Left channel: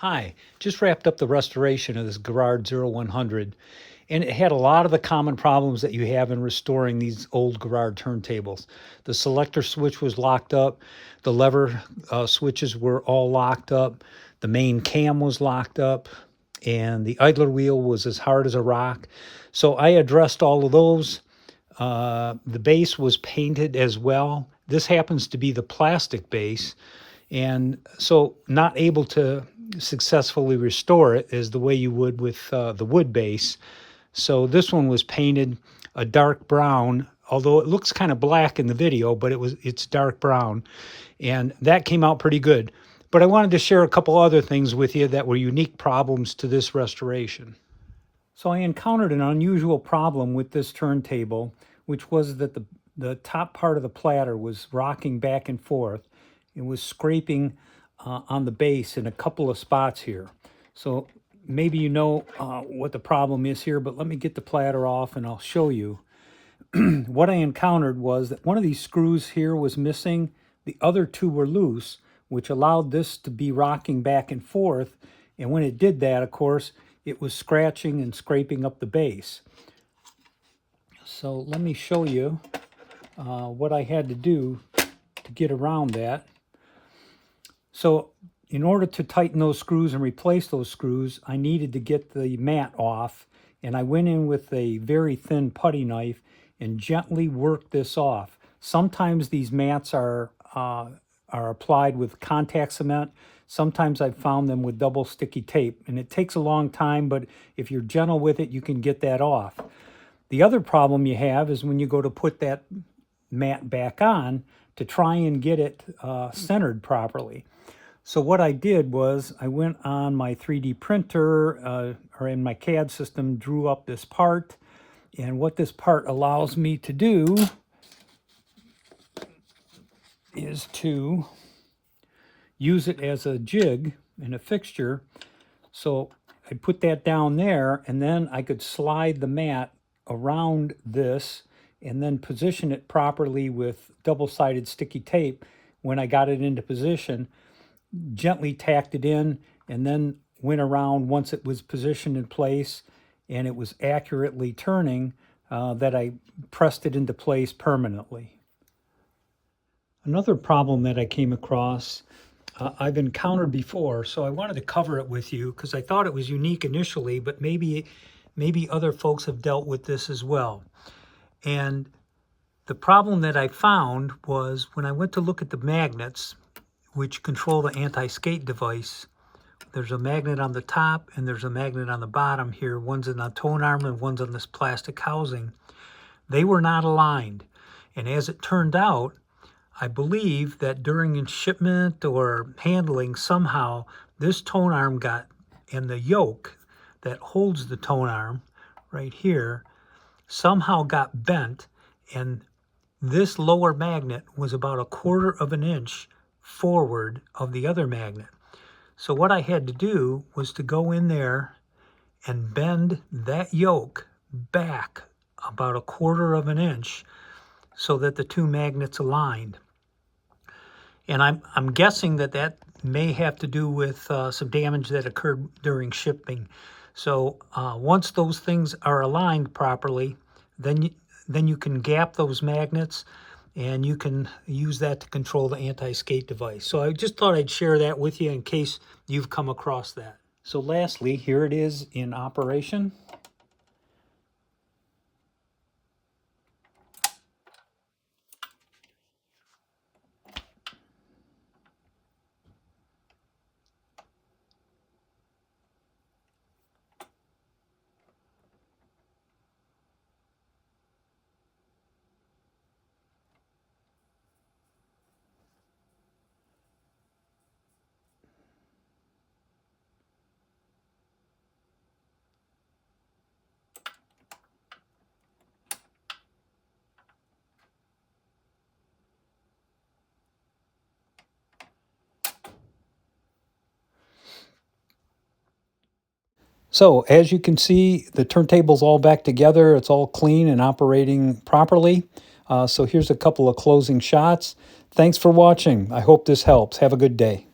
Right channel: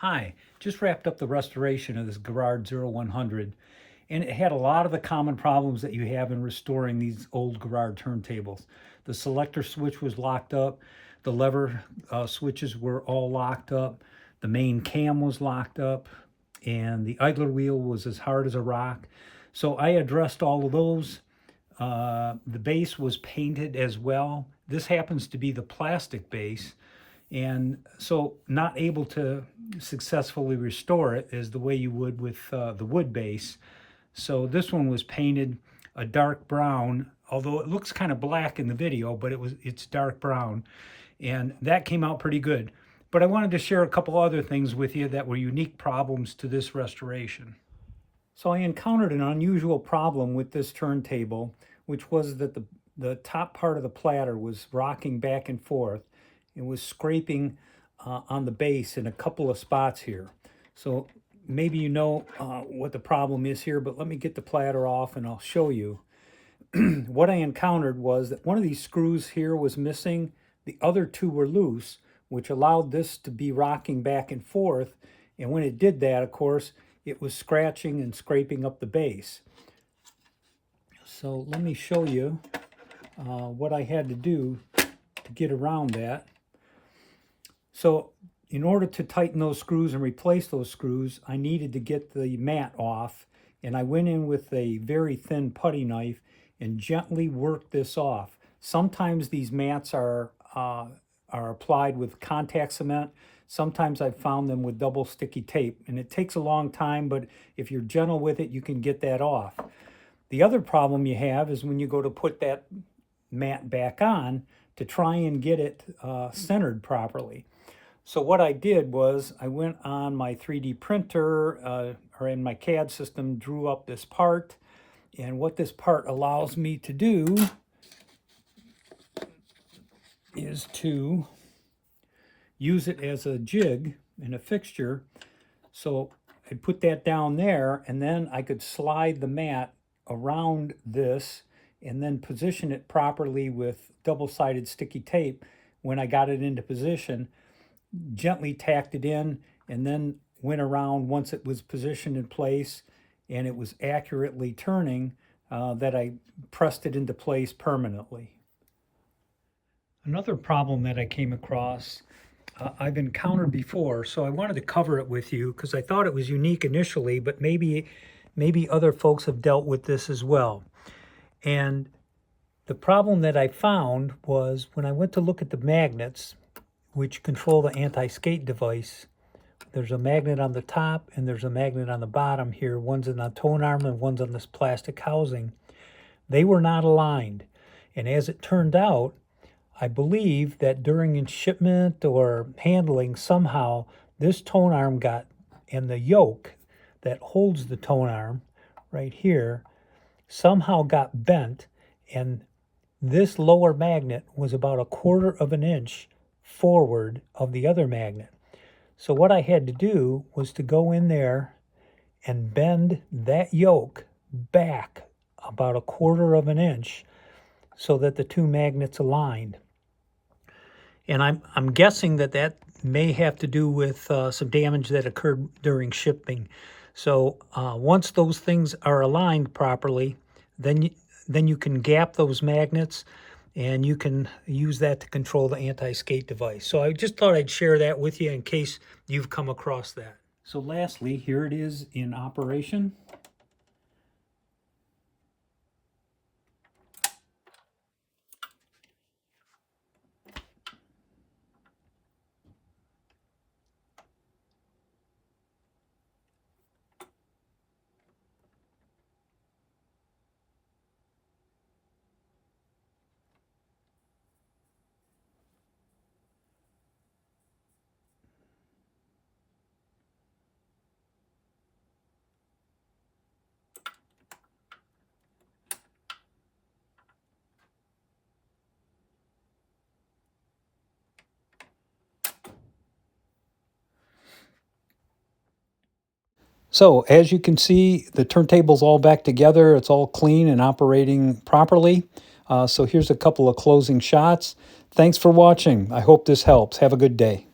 Hi, just wrapped up the restoration of this Garrard 0100, and it had a lot of the common problems that you have in restoring these old Garrard turntables. The selector switch was locked up, the lever switches were all locked up, the main cam was locked up, and the idler wheel was as hard as a rock. So I addressed all of those. The base was painted as well. This happens to be the plastic base, and so not able to successfully restore it as the way you would with the wood base. So this one was painted a dark brown, although it looks kind of black in the video, but it's dark brown, and that came out pretty good. But I wanted to share a couple other things with you that were unique problems to this restoration. So I encountered an unusual problem with this turntable, which was that the top part of the platter was rocking back and forth. It was scraping on the base in a couple of spots here. So maybe you know what the problem is here, but let me get the platter off and I'll show you. What I encountered was that one of these screws here was missing. The other two were loose, which allowed this to be rocking back and forth. And when it did that, of course, it was scratching and scraping up the base. So let me show you what I had to do to get around that. So in order to tighten those screws and replace those screws, I needed to get the mat off, and I went in with a very thin putty knife and gently worked this off. Sometimes these mats are applied with contact cement. Sometimes I've found them with double sticky tape, and it takes a long time, but if you're gentle with it, you can get that off. The other problem you have is when you go to put that mat back on to try and get it centered properly. So what I did was I went on my 3D printer or in my CAD system, drew up this part. And what this part allows me to do is to use it as a jig and a fixture. So I put that down there, and then I could slide the mat around this and then position it properly with double-sided sticky tape. When I got it into position, gently tacked it in, and then went around once it was positioned in place and it was accurately turning, that I pressed it into place permanently. Another problem that I came across, I've encountered before, so I wanted to cover it with you because I thought it was unique initially, but maybe other folks have dealt with this as well. And the problem that I found was when I went to look at the magnets, which control the anti-skate device, there's a magnet on the top and there's a magnet on the bottom here. One's in the tone arm and one's on this plastic housing. They were not aligned. And as it turned out, I believe that during shipment or handling, somehow this tone arm got, and the yoke that holds the tone arm right here, somehow got bent, and this lower magnet was about 1/4 of an inch forward of the other magnet. So what I had to do was to go in there and bend that yoke back about 1/4 of an inch so that the two magnets aligned. And I'm guessing that may have to do with some damage that occurred during shipping. So once those things are aligned properly, then you can gap those magnets, and you can use that to control the anti-skate device. So I just thought I'd share that with you in case you've come across that. So lastly, here it is in operation. So as you can see, the turntable's all back together. It's all clean and operating properly. So here's a couple of closing shots. Thanks for watching. I hope this helps. Have a good day.